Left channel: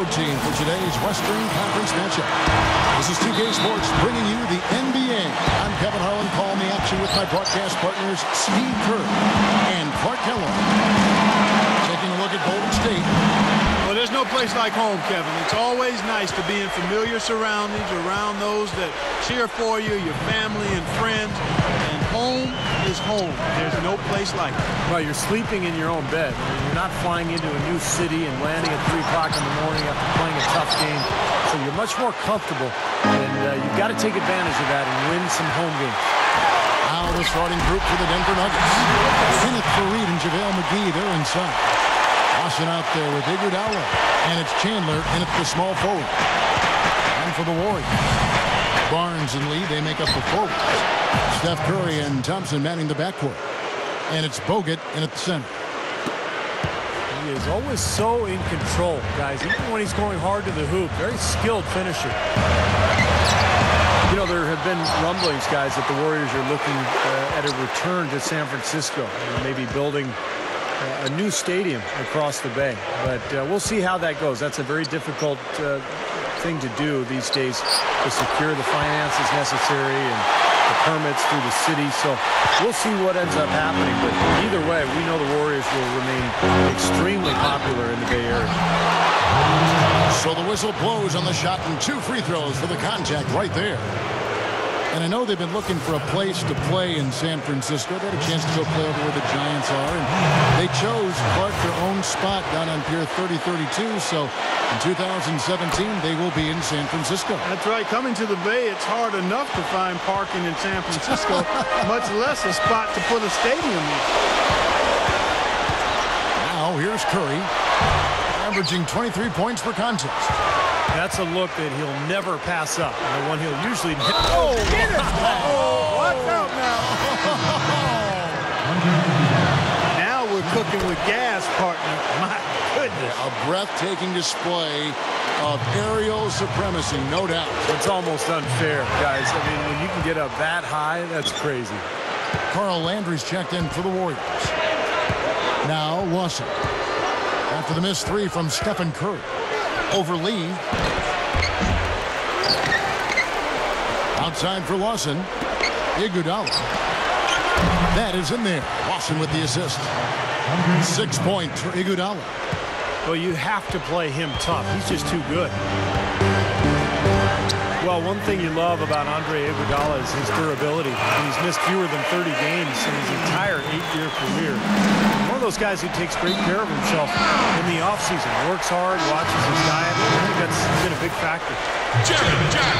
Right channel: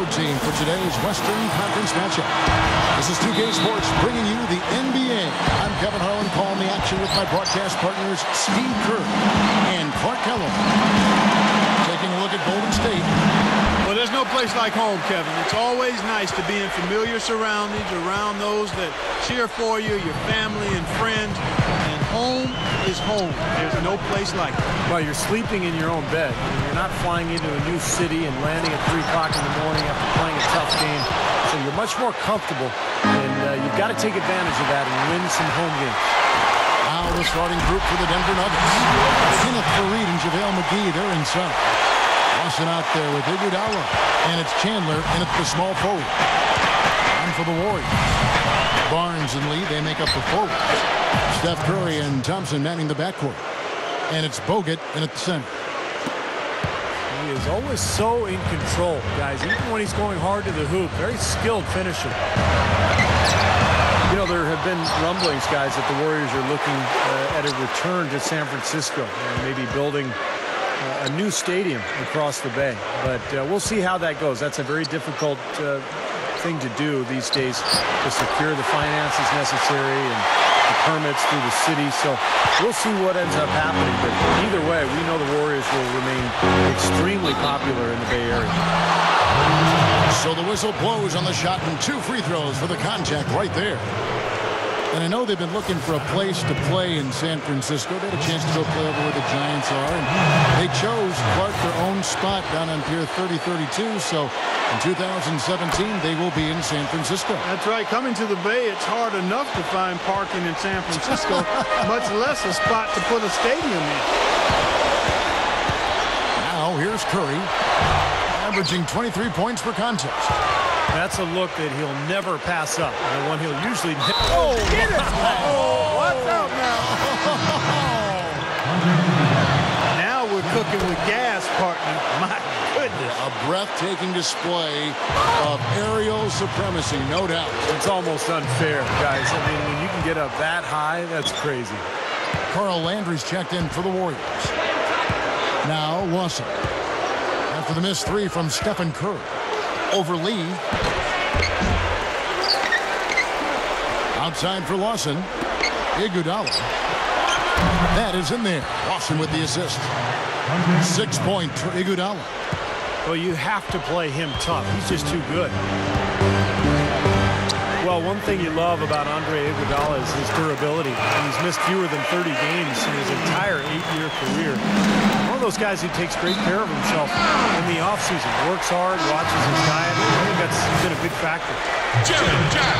road team for today's Western Conference matchup. This is 2K Sports bringing you the NBA. I'm Kevin Harlan, calling the action with my broadcast partners Steve Kerr and Clark Kellogg. Taking a look at Golden State. Well, there's no place like home, Kevin. It's always nice to be in familiar surroundings, around those that cheer for you, your family and friends. And home is home. There's no place like it. Well, you're sleeping in your own bed. You're not flying into a new city and landing at 3 o'clock in the morning after playing a tough game. So you're much more comfortable, and you've got to take advantage of that and win some home games. Now the starting group for the Denver Nuggets. Kenneth Faried and JaVale McGee, they're inside. Lawson out there with Iguodala, and it's Chandler in at the small forward. And for the Warriors, Barnes and Lee, they make up the forwards. Steph Curry and Thompson manning the backcourt. And it's Bogut in at the center. He is always so in control, guys, even when he's going hard to the hoop. Very skilled finisher. You know, there have been rumblings, guys, that the Warriors are looking at a return to San Francisco and maybe building a new stadium across the bay. But we'll see how that goes. That's a very difficult thing to do these days, to secure the finances necessary and the permits through the city. So we'll see what ends up happening. But either way, we know the Warriors will remain extremely popular in the Bay Area. So the whistle blows on the shot, and 2 free throws for the contact right there. And I know they've been looking for a place to play in San Francisco. They had a chance to go play over where the Giants are, and they chose, Clark, their own spot down on Pier 3032. So in 2017, they will be in San Francisco. That's right. Coming to the Bay, it's hard enough to find parking in San Francisco, much less a spot to put a stadium in. Now here's Curry, averaging 23 points per contest. That's a look that he'll never pass up, and the one he'll usually hit. Oh, get it! Oh, what's up now? Now we're cooking with gas, partner. My goodness. A breathtaking display of aerial supremacy, no doubt. It's almost unfair, guys. I mean, when you can get up that high, that's crazy. Carl Landry's checked in for the Warriors. Now Lawson. After the missed 3 from Stephen Curry. Over Lee. Outside for Lawson. Iguodala. That is in there. Lawson with the assist. 6 points for Iguodala. Well, you have to play him tough. He's just too good. Well, one thing you love about Andre Iguodala is his durability. He's missed fewer than 30 games in his entire 8-year career. One of those guys who takes great care of himself in the offseason, works hard, watches his diet. I think that's been a big factor.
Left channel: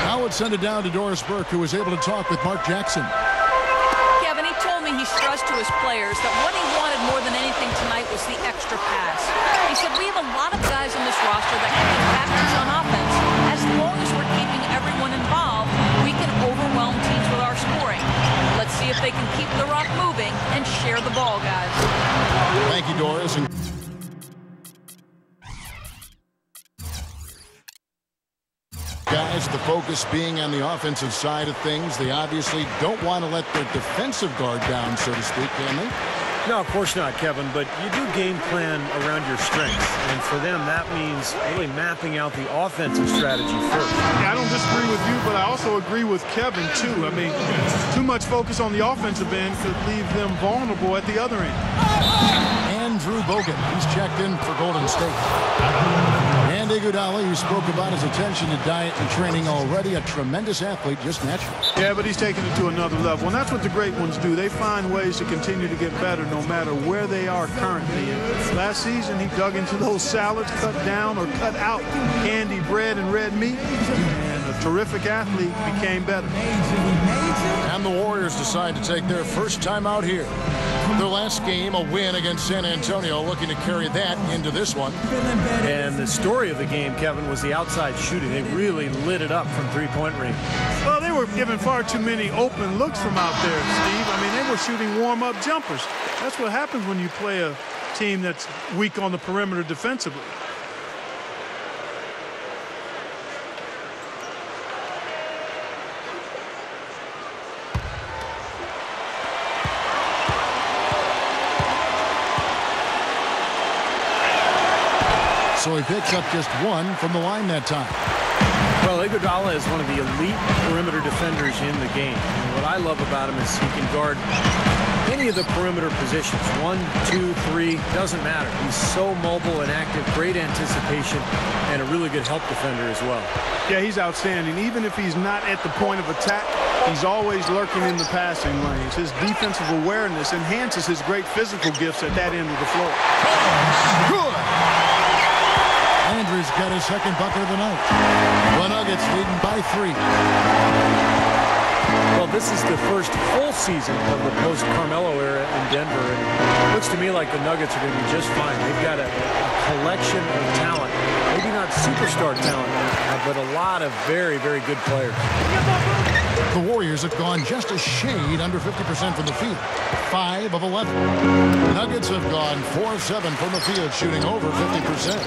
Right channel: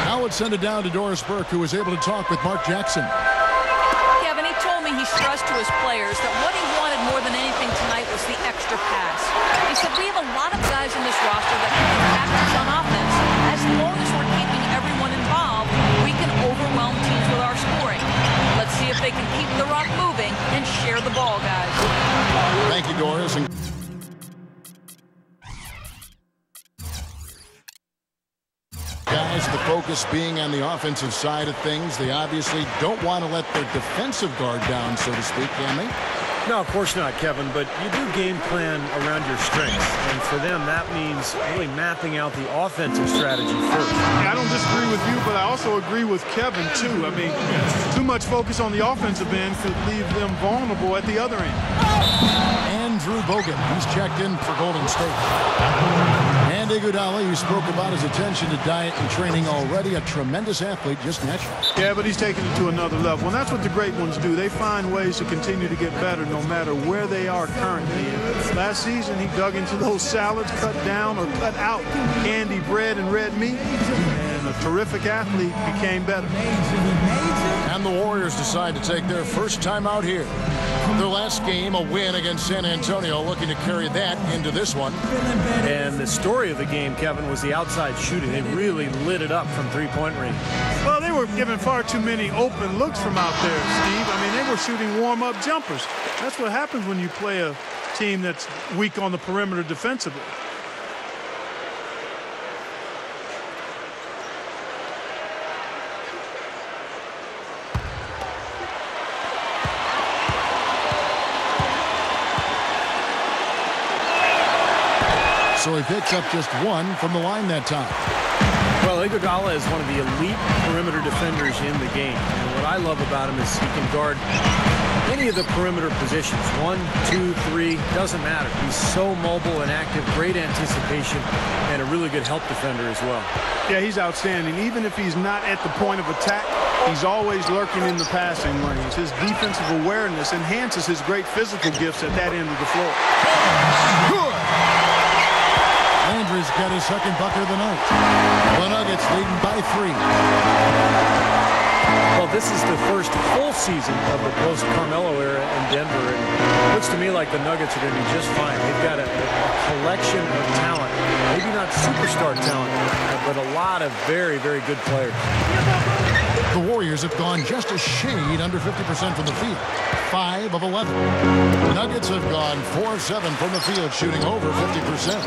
Now let's send it down to Doris Burke, who was able to talk with Mark Jackson. Kevin, he told me he stressed to his players that what he wanted more than anything tonight was the extra pass. He said, we have a lot of guys on this roster that can be factors on offense. As long as we're keeping everyone involved, we can overwhelm teams with our scoring. Let's see if they can keep the rock moving and share the ball, guys. Thank you, Doris. Guys, the focus being on the offensive side of things. They obviously don't want to let their defensive guard down, so to speak, can they? No, of course not, Kevin, but you do game plan around your strengths, and for them that means really mapping out the offensive strategy first. I don't disagree with you, but I also agree with Kevin, too. I mean, too much focus on the offensive end could leave them vulnerable at the other end. Andrew Bogut, he's checked in for Golden State. And Iguodala, you spoke about his attention to diet and training already. A tremendous athlete, just naturally. Yeah, but he's taking it to another level. And that's what the great ones do. They find ways to continue to get better no matter where they are currently. And last season, he dug into those salads, cut down or cut out candy, bread, and red meat. And a terrific athlete became better. And the Warriors decide to take their first time out here. Their last game, a win against San Antonio, looking to carry that into this one. And the story of the game, Kevin, was the outside shooting. They really lit it up from three-point range. Well, they were giving far too many open looks from out there, Steve. I mean, they were shooting warm-up jumpers. That's what happens when you play a team that's weak on the perimeter defensively. So he picks up just 1 from the line that time. Well, Iguodala is one of the elite perimeter defenders in the game. And what I love about him is he can guard any of the perimeter positions. 1, 2, 3, doesn't matter. He's so mobile and active, great anticipation, and a really good help defender as well. Yeah, he's outstanding. Even if he's not at the point of attack, he's always lurking in the passing lanes. His defensive awareness enhances his great physical gifts at that end of the floor. Good. Landry's got his second bucket of the night. The Nuggets leading by 3. Well, this is the first full season of the post-Carmelo era in Denver, and it looks to me like the Nuggets are going to be just fine. They've got a collection of talent, maybe not superstar talent, but a lot of very, very good players. The Warriors have gone just a shade under 50% from the field, 5 of 11. The Nuggets have gone 4 of 7 from the field, shooting over 50%.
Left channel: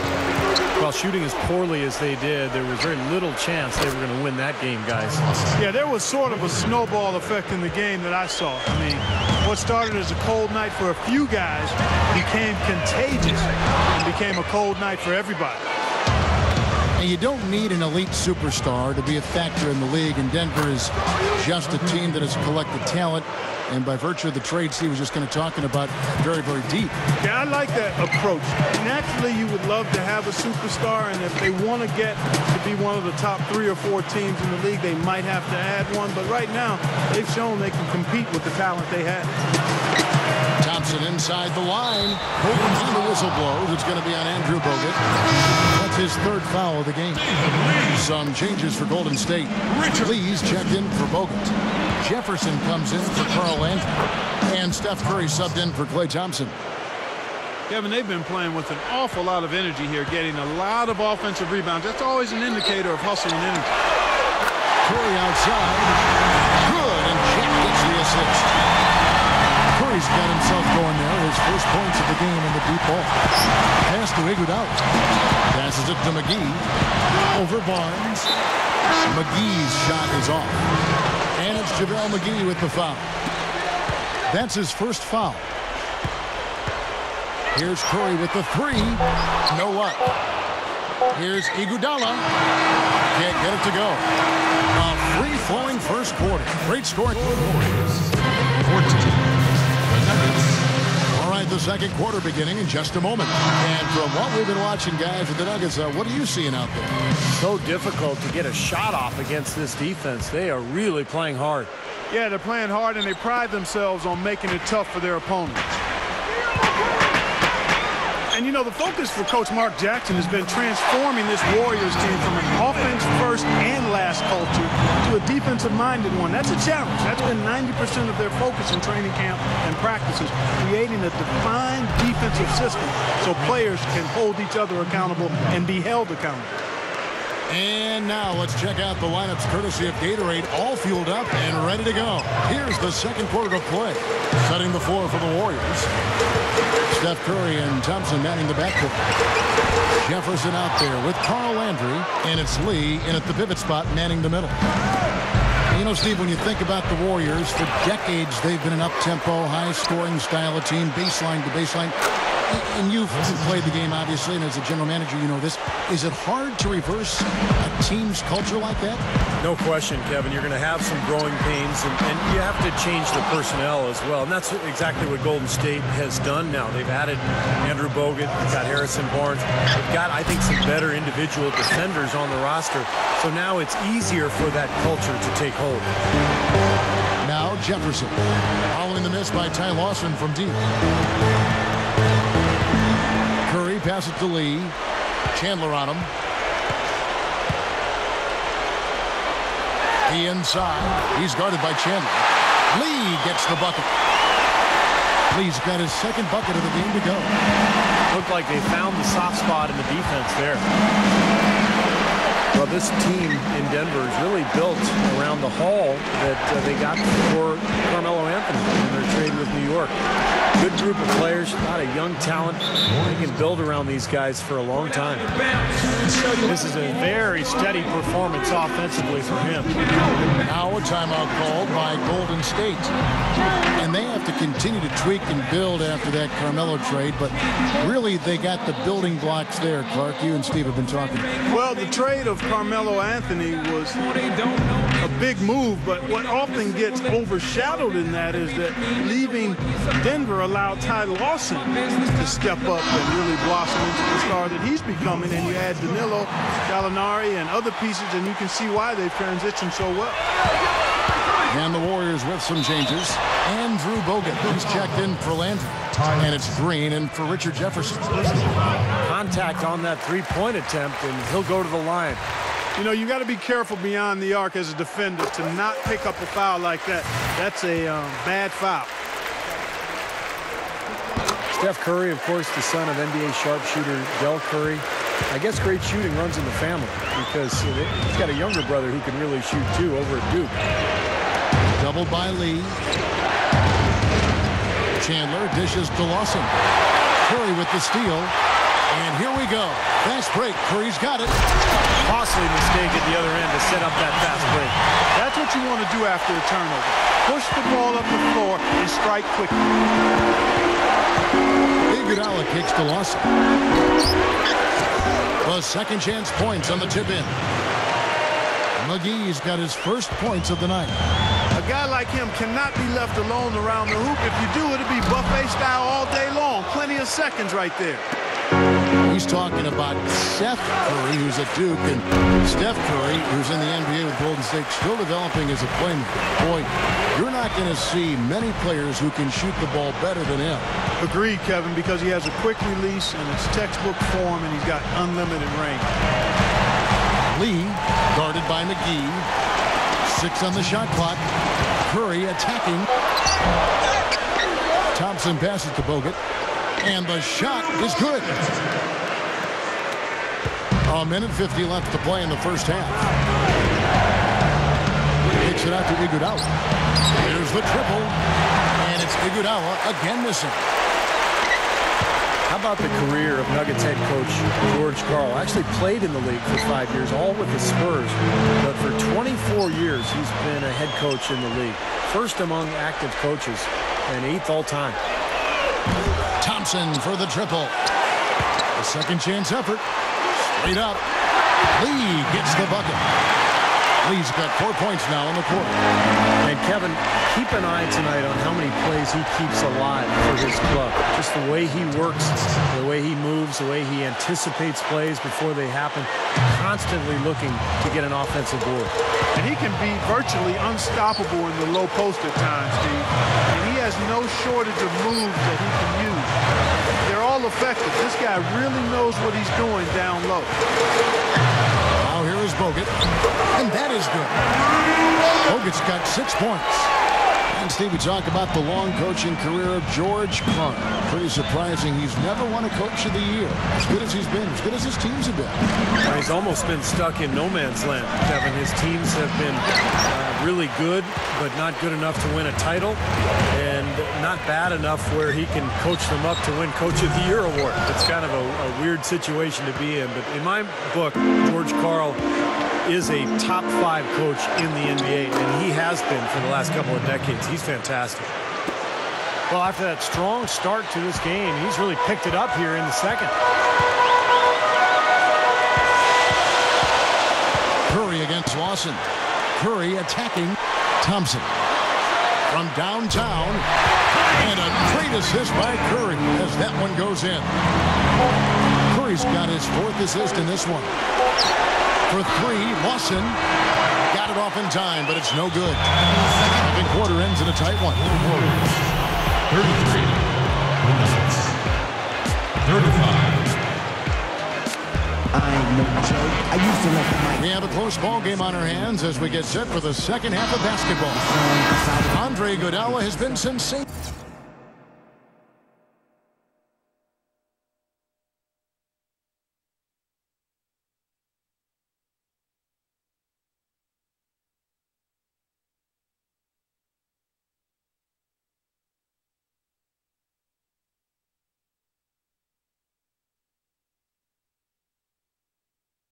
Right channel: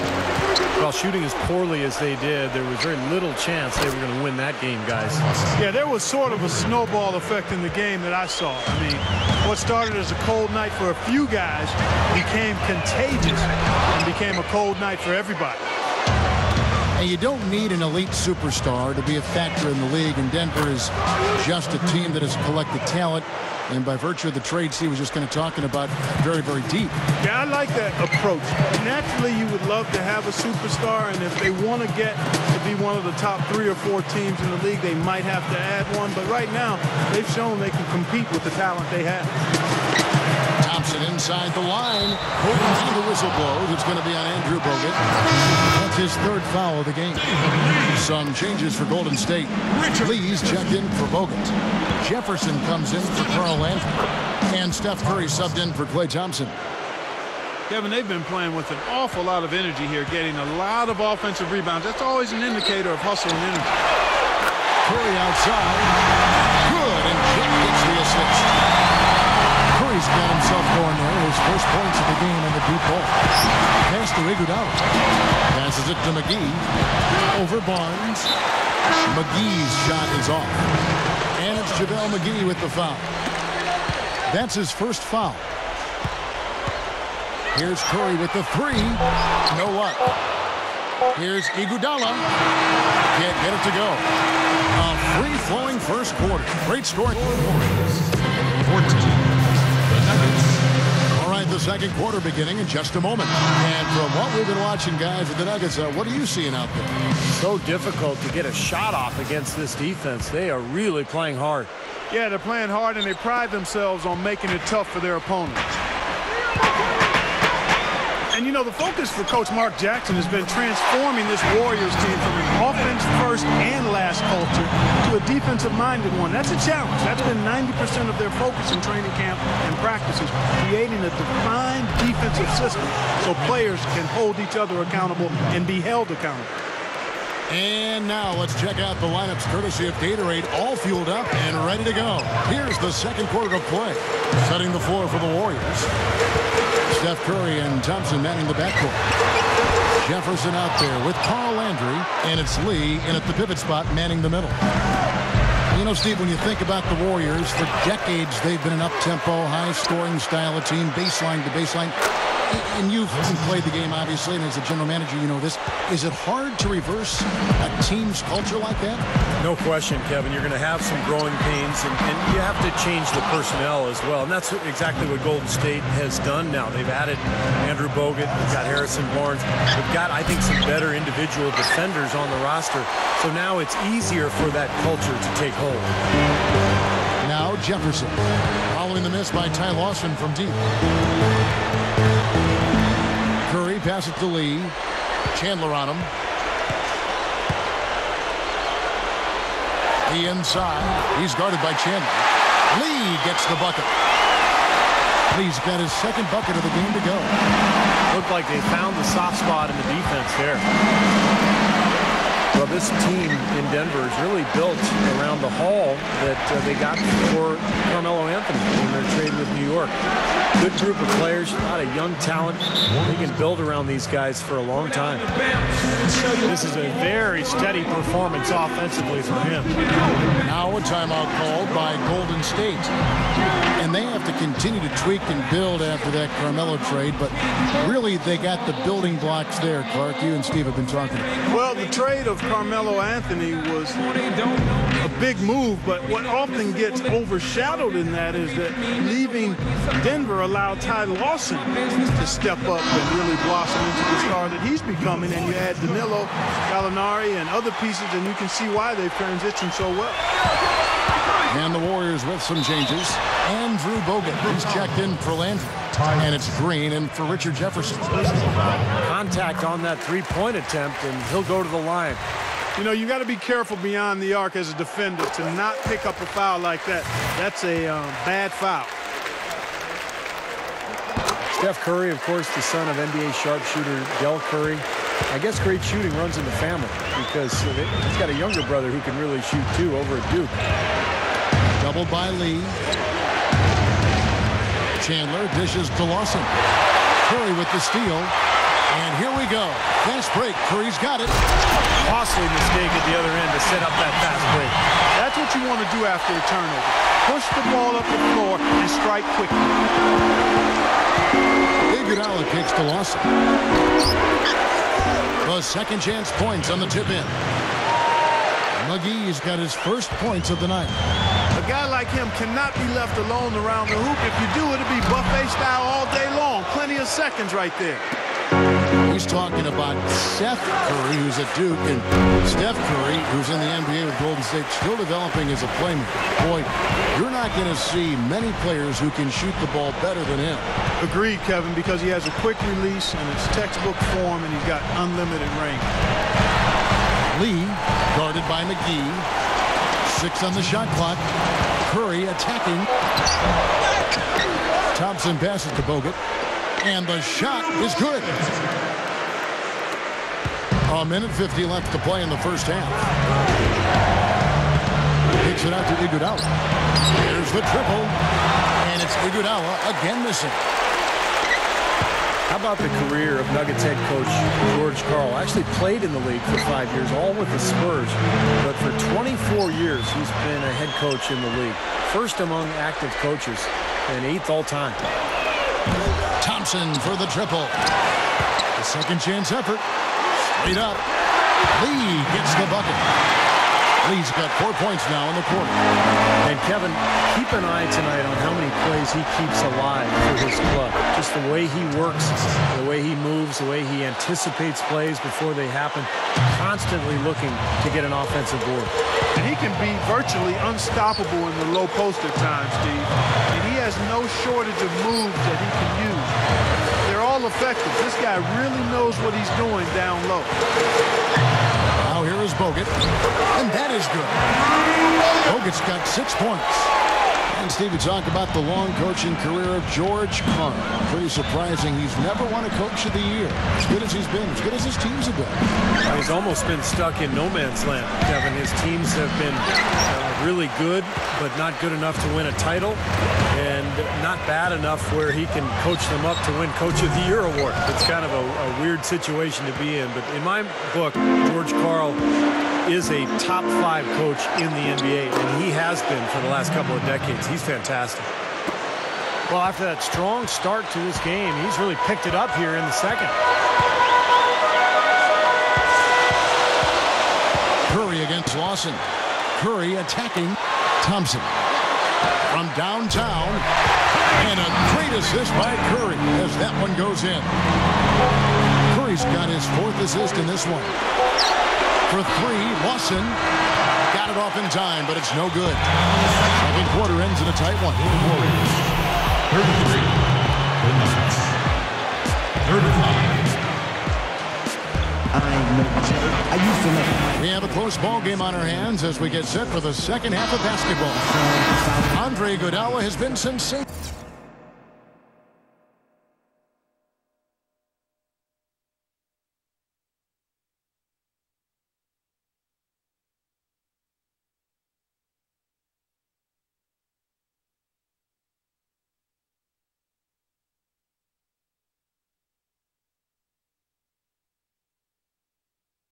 Well, shooting as poorly as they did, there was very little chance they were going to win that game, guys. Yeah, there was sort of a snowball effect in the game that I saw. I mean, what started as a cold night for a few guys became contagious and became a cold night for everybody. And you don't need an elite superstar to be a factor in the league, and Denver is just a team that has collected talent, and by virtue of the trade Steve was just kind of talking about, very, very deep. Yeah, I like that approach. Naturally, you would love to have a superstar, and if they want to get to be one of the top 3 or 4 teams in the league, they might have to add one. But right now, they've shown they can compete with the talent they have. Thompson inside the line, and the whistle blows. It's going to be on Andrew Bogut. That's his 3rd foul of the game. Some changes for Golden State. Lee's checked in for Bogut. Jefferson comes in for Carl Landry. And Steph Curry subbed in for Klay Thompson. Kevin, they've been playing with an awful lot of energy here, getting a lot of offensive rebounds. That's always an indicator of hustle and energy. Curry outside. Good, and Jack gets the assist. Curry's got himself going there. His first points of the game on the deep ball. Pass to Iguodala. Passes it to McGee. Over Barnes. McGee's shot is off. And it's JaVale McGee with the foul. That's his first foul. Here's Curry with the 3. No luck. Here's Iguodala. Can't get it to go. A free-flowing first quarter. Great score. All right, the second quarter beginning in just a moment. And from what we've been watching, guys, with the Nuggets, what are you seeing out there? So difficult to get a shot off against this defense. They are really playing hard. Yeah, they're playing hard, and they pride themselves on making it tough for their opponents. And, you know, the focus for Coach Mark Jackson has been transforming this Warriors team from an offense-first and last culture to a defensive-minded one. That's a challenge. That's been 90% of their focus in training camp and practices, creating a defined defensive system so players can hold each other accountable and be held accountable. And now let's check out the lineups courtesy of Gatorade, all fueled up and ready to go. Here's the second quarter of play. Setting the floor for the Warriors. Steph Curry and Thompson manning the backcourt. Jefferson out there with Carl Landry, and it's Lee in at the pivot spot manning the middle. You know, Steve, when you think about the Warriors, for decades they've been an up-tempo, high-scoring style of team, baseline to baseline. And you've played the game, obviously, and as a general manager, you know this. Is it hard to reverse a team's culture like that? No question, Kevin. You're going to have some growing pains, and you have to change the personnel as well. And that's exactly what Golden State has done now. They've added Andrew Bogut. They've got Harrison Barnes. They've got, I think, some better individual defenders on the roster. So now it's easier for that culture to take hold. Now Jefferson, following the miss by Ty Lawson from deep. Curry passes it to Lee. Chandler on him. He inside. He's guarded by Chandler. Lee gets the bucket. Lee's got his second bucket of the game to go. Looked like they found the soft spot in the defense there. Well, this team in Denver is really built around the haul that they got for Carmelo Anthony in their trade with New York. Good group of players, a lot of young talent. They can build around these guys for a long time. This is a very steady performance offensively for him. Now a timeout called by Golden State. And they have to continue to tweak and build after that Carmelo trade. But really, they got the building blocks there, Clark. You and Steve have been talking about. Well, the trade of Carmelo Anthony was a big move, but what often gets overshadowed in that is that leaving Denver allowed Ty Lawson to step up and really blossom into the star that he's becoming. And you add Danilo, Gallinari, and other pieces, and you can see why they've transitioned so well. And the Warriors with some changes. Andrew Bogut, he's checked in for Landry. And it's Green in for Richard Jefferson. Contact on that three-point attempt, and he'll go to the line. You know, you got to be careful beyond the arc as a defender to not pick up a foul like that. That's a bad foul. Steph Curry, of course, the son of NBA sharpshooter Del Curry. I guess great shooting runs in the family because he's got a younger brother who can really shoot, too, over at Duke. Doubled by Lee. Chandler dishes to Lawson. Curry with the steal. And here we go. Fast break. Curry's got it. Costly mistake at the other end to set up that fast break. That's what you want to do after a turnover. Push the ball up the floor and strike quickly. Iguodala kicks to Lawson. The second chance points on the tip in. McGee's got his first points of the night. A guy like him cannot be left alone around the hoop. If you do, it'll be buffet style all day long. Plenty of seconds right there. He's talking about Seth Curry, who's at Duke, and Steph Curry, who's in the NBA with Golden State, still developing as a playmaker. Boy, you're not going to see many players who can shoot the ball better than him. Agreed, Kevin, because he has a quick release and it's textbook form, and he's got unlimited range. Lee, guarded by McGee. 6 on the shot clock. Curry attacking. Thompson passes to Bogut. And the shot is good. A minute 50 left to play in the first half. Kicks it out to Iguodala. There's the triple. And it's Iguodala again missing. How about the career of Nuggets head coach George Karl? Actually played in the league for 5 years, all with the Spurs. But for 24 years, he's been a head coach in the league. First among active coaches and 8th all time. Thompson for the triple. The second chance effort. Straight up. Lee gets the bucket. Lee's got 4 points now in the quarter. And Kevin, keep an eye tonight on how many plays he keeps alive for his club. Just the way he works, the way he moves, the way he anticipates plays before they happen, constantly looking to get an offensive board. And he can be virtually unstoppable in the low post at times, Steve. And he has no shortage of moves that he can use. They're all effective. This guy really knows what he's doing down low. Now here is Bogut. And that is good. Bogut's got 6 points. And Stevie, talk about the long coaching career of George Karl. Pretty surprising. He's never won a Coach of the Year. As good as he's been, as good as his teams have been. Well, he's almost been stuck in no man's land, Kevin. His teams have been really good, but not good enough to win a title, and not bad enough where he can coach them up to win Coach of the Year award. It's kind of a weird situation to be in, but in my book, George Karl is a top 5 coach in the NBA, and he has been for the last couple of decades. He's fantastic. Well, after that strong start to this game, he's really picked it up here in the second. Curry against Lawson. Curry attacking Thompson. From downtown, and a great assist by Curry as that one goes in. Curry's got his 4th assist in this one. For 3, Lawson got it off in time, but it's no good. Second quarter ends in a tight one. We have a close ball game on our hands as we get set for the second half of basketball. Andre Iguodala has been sensational.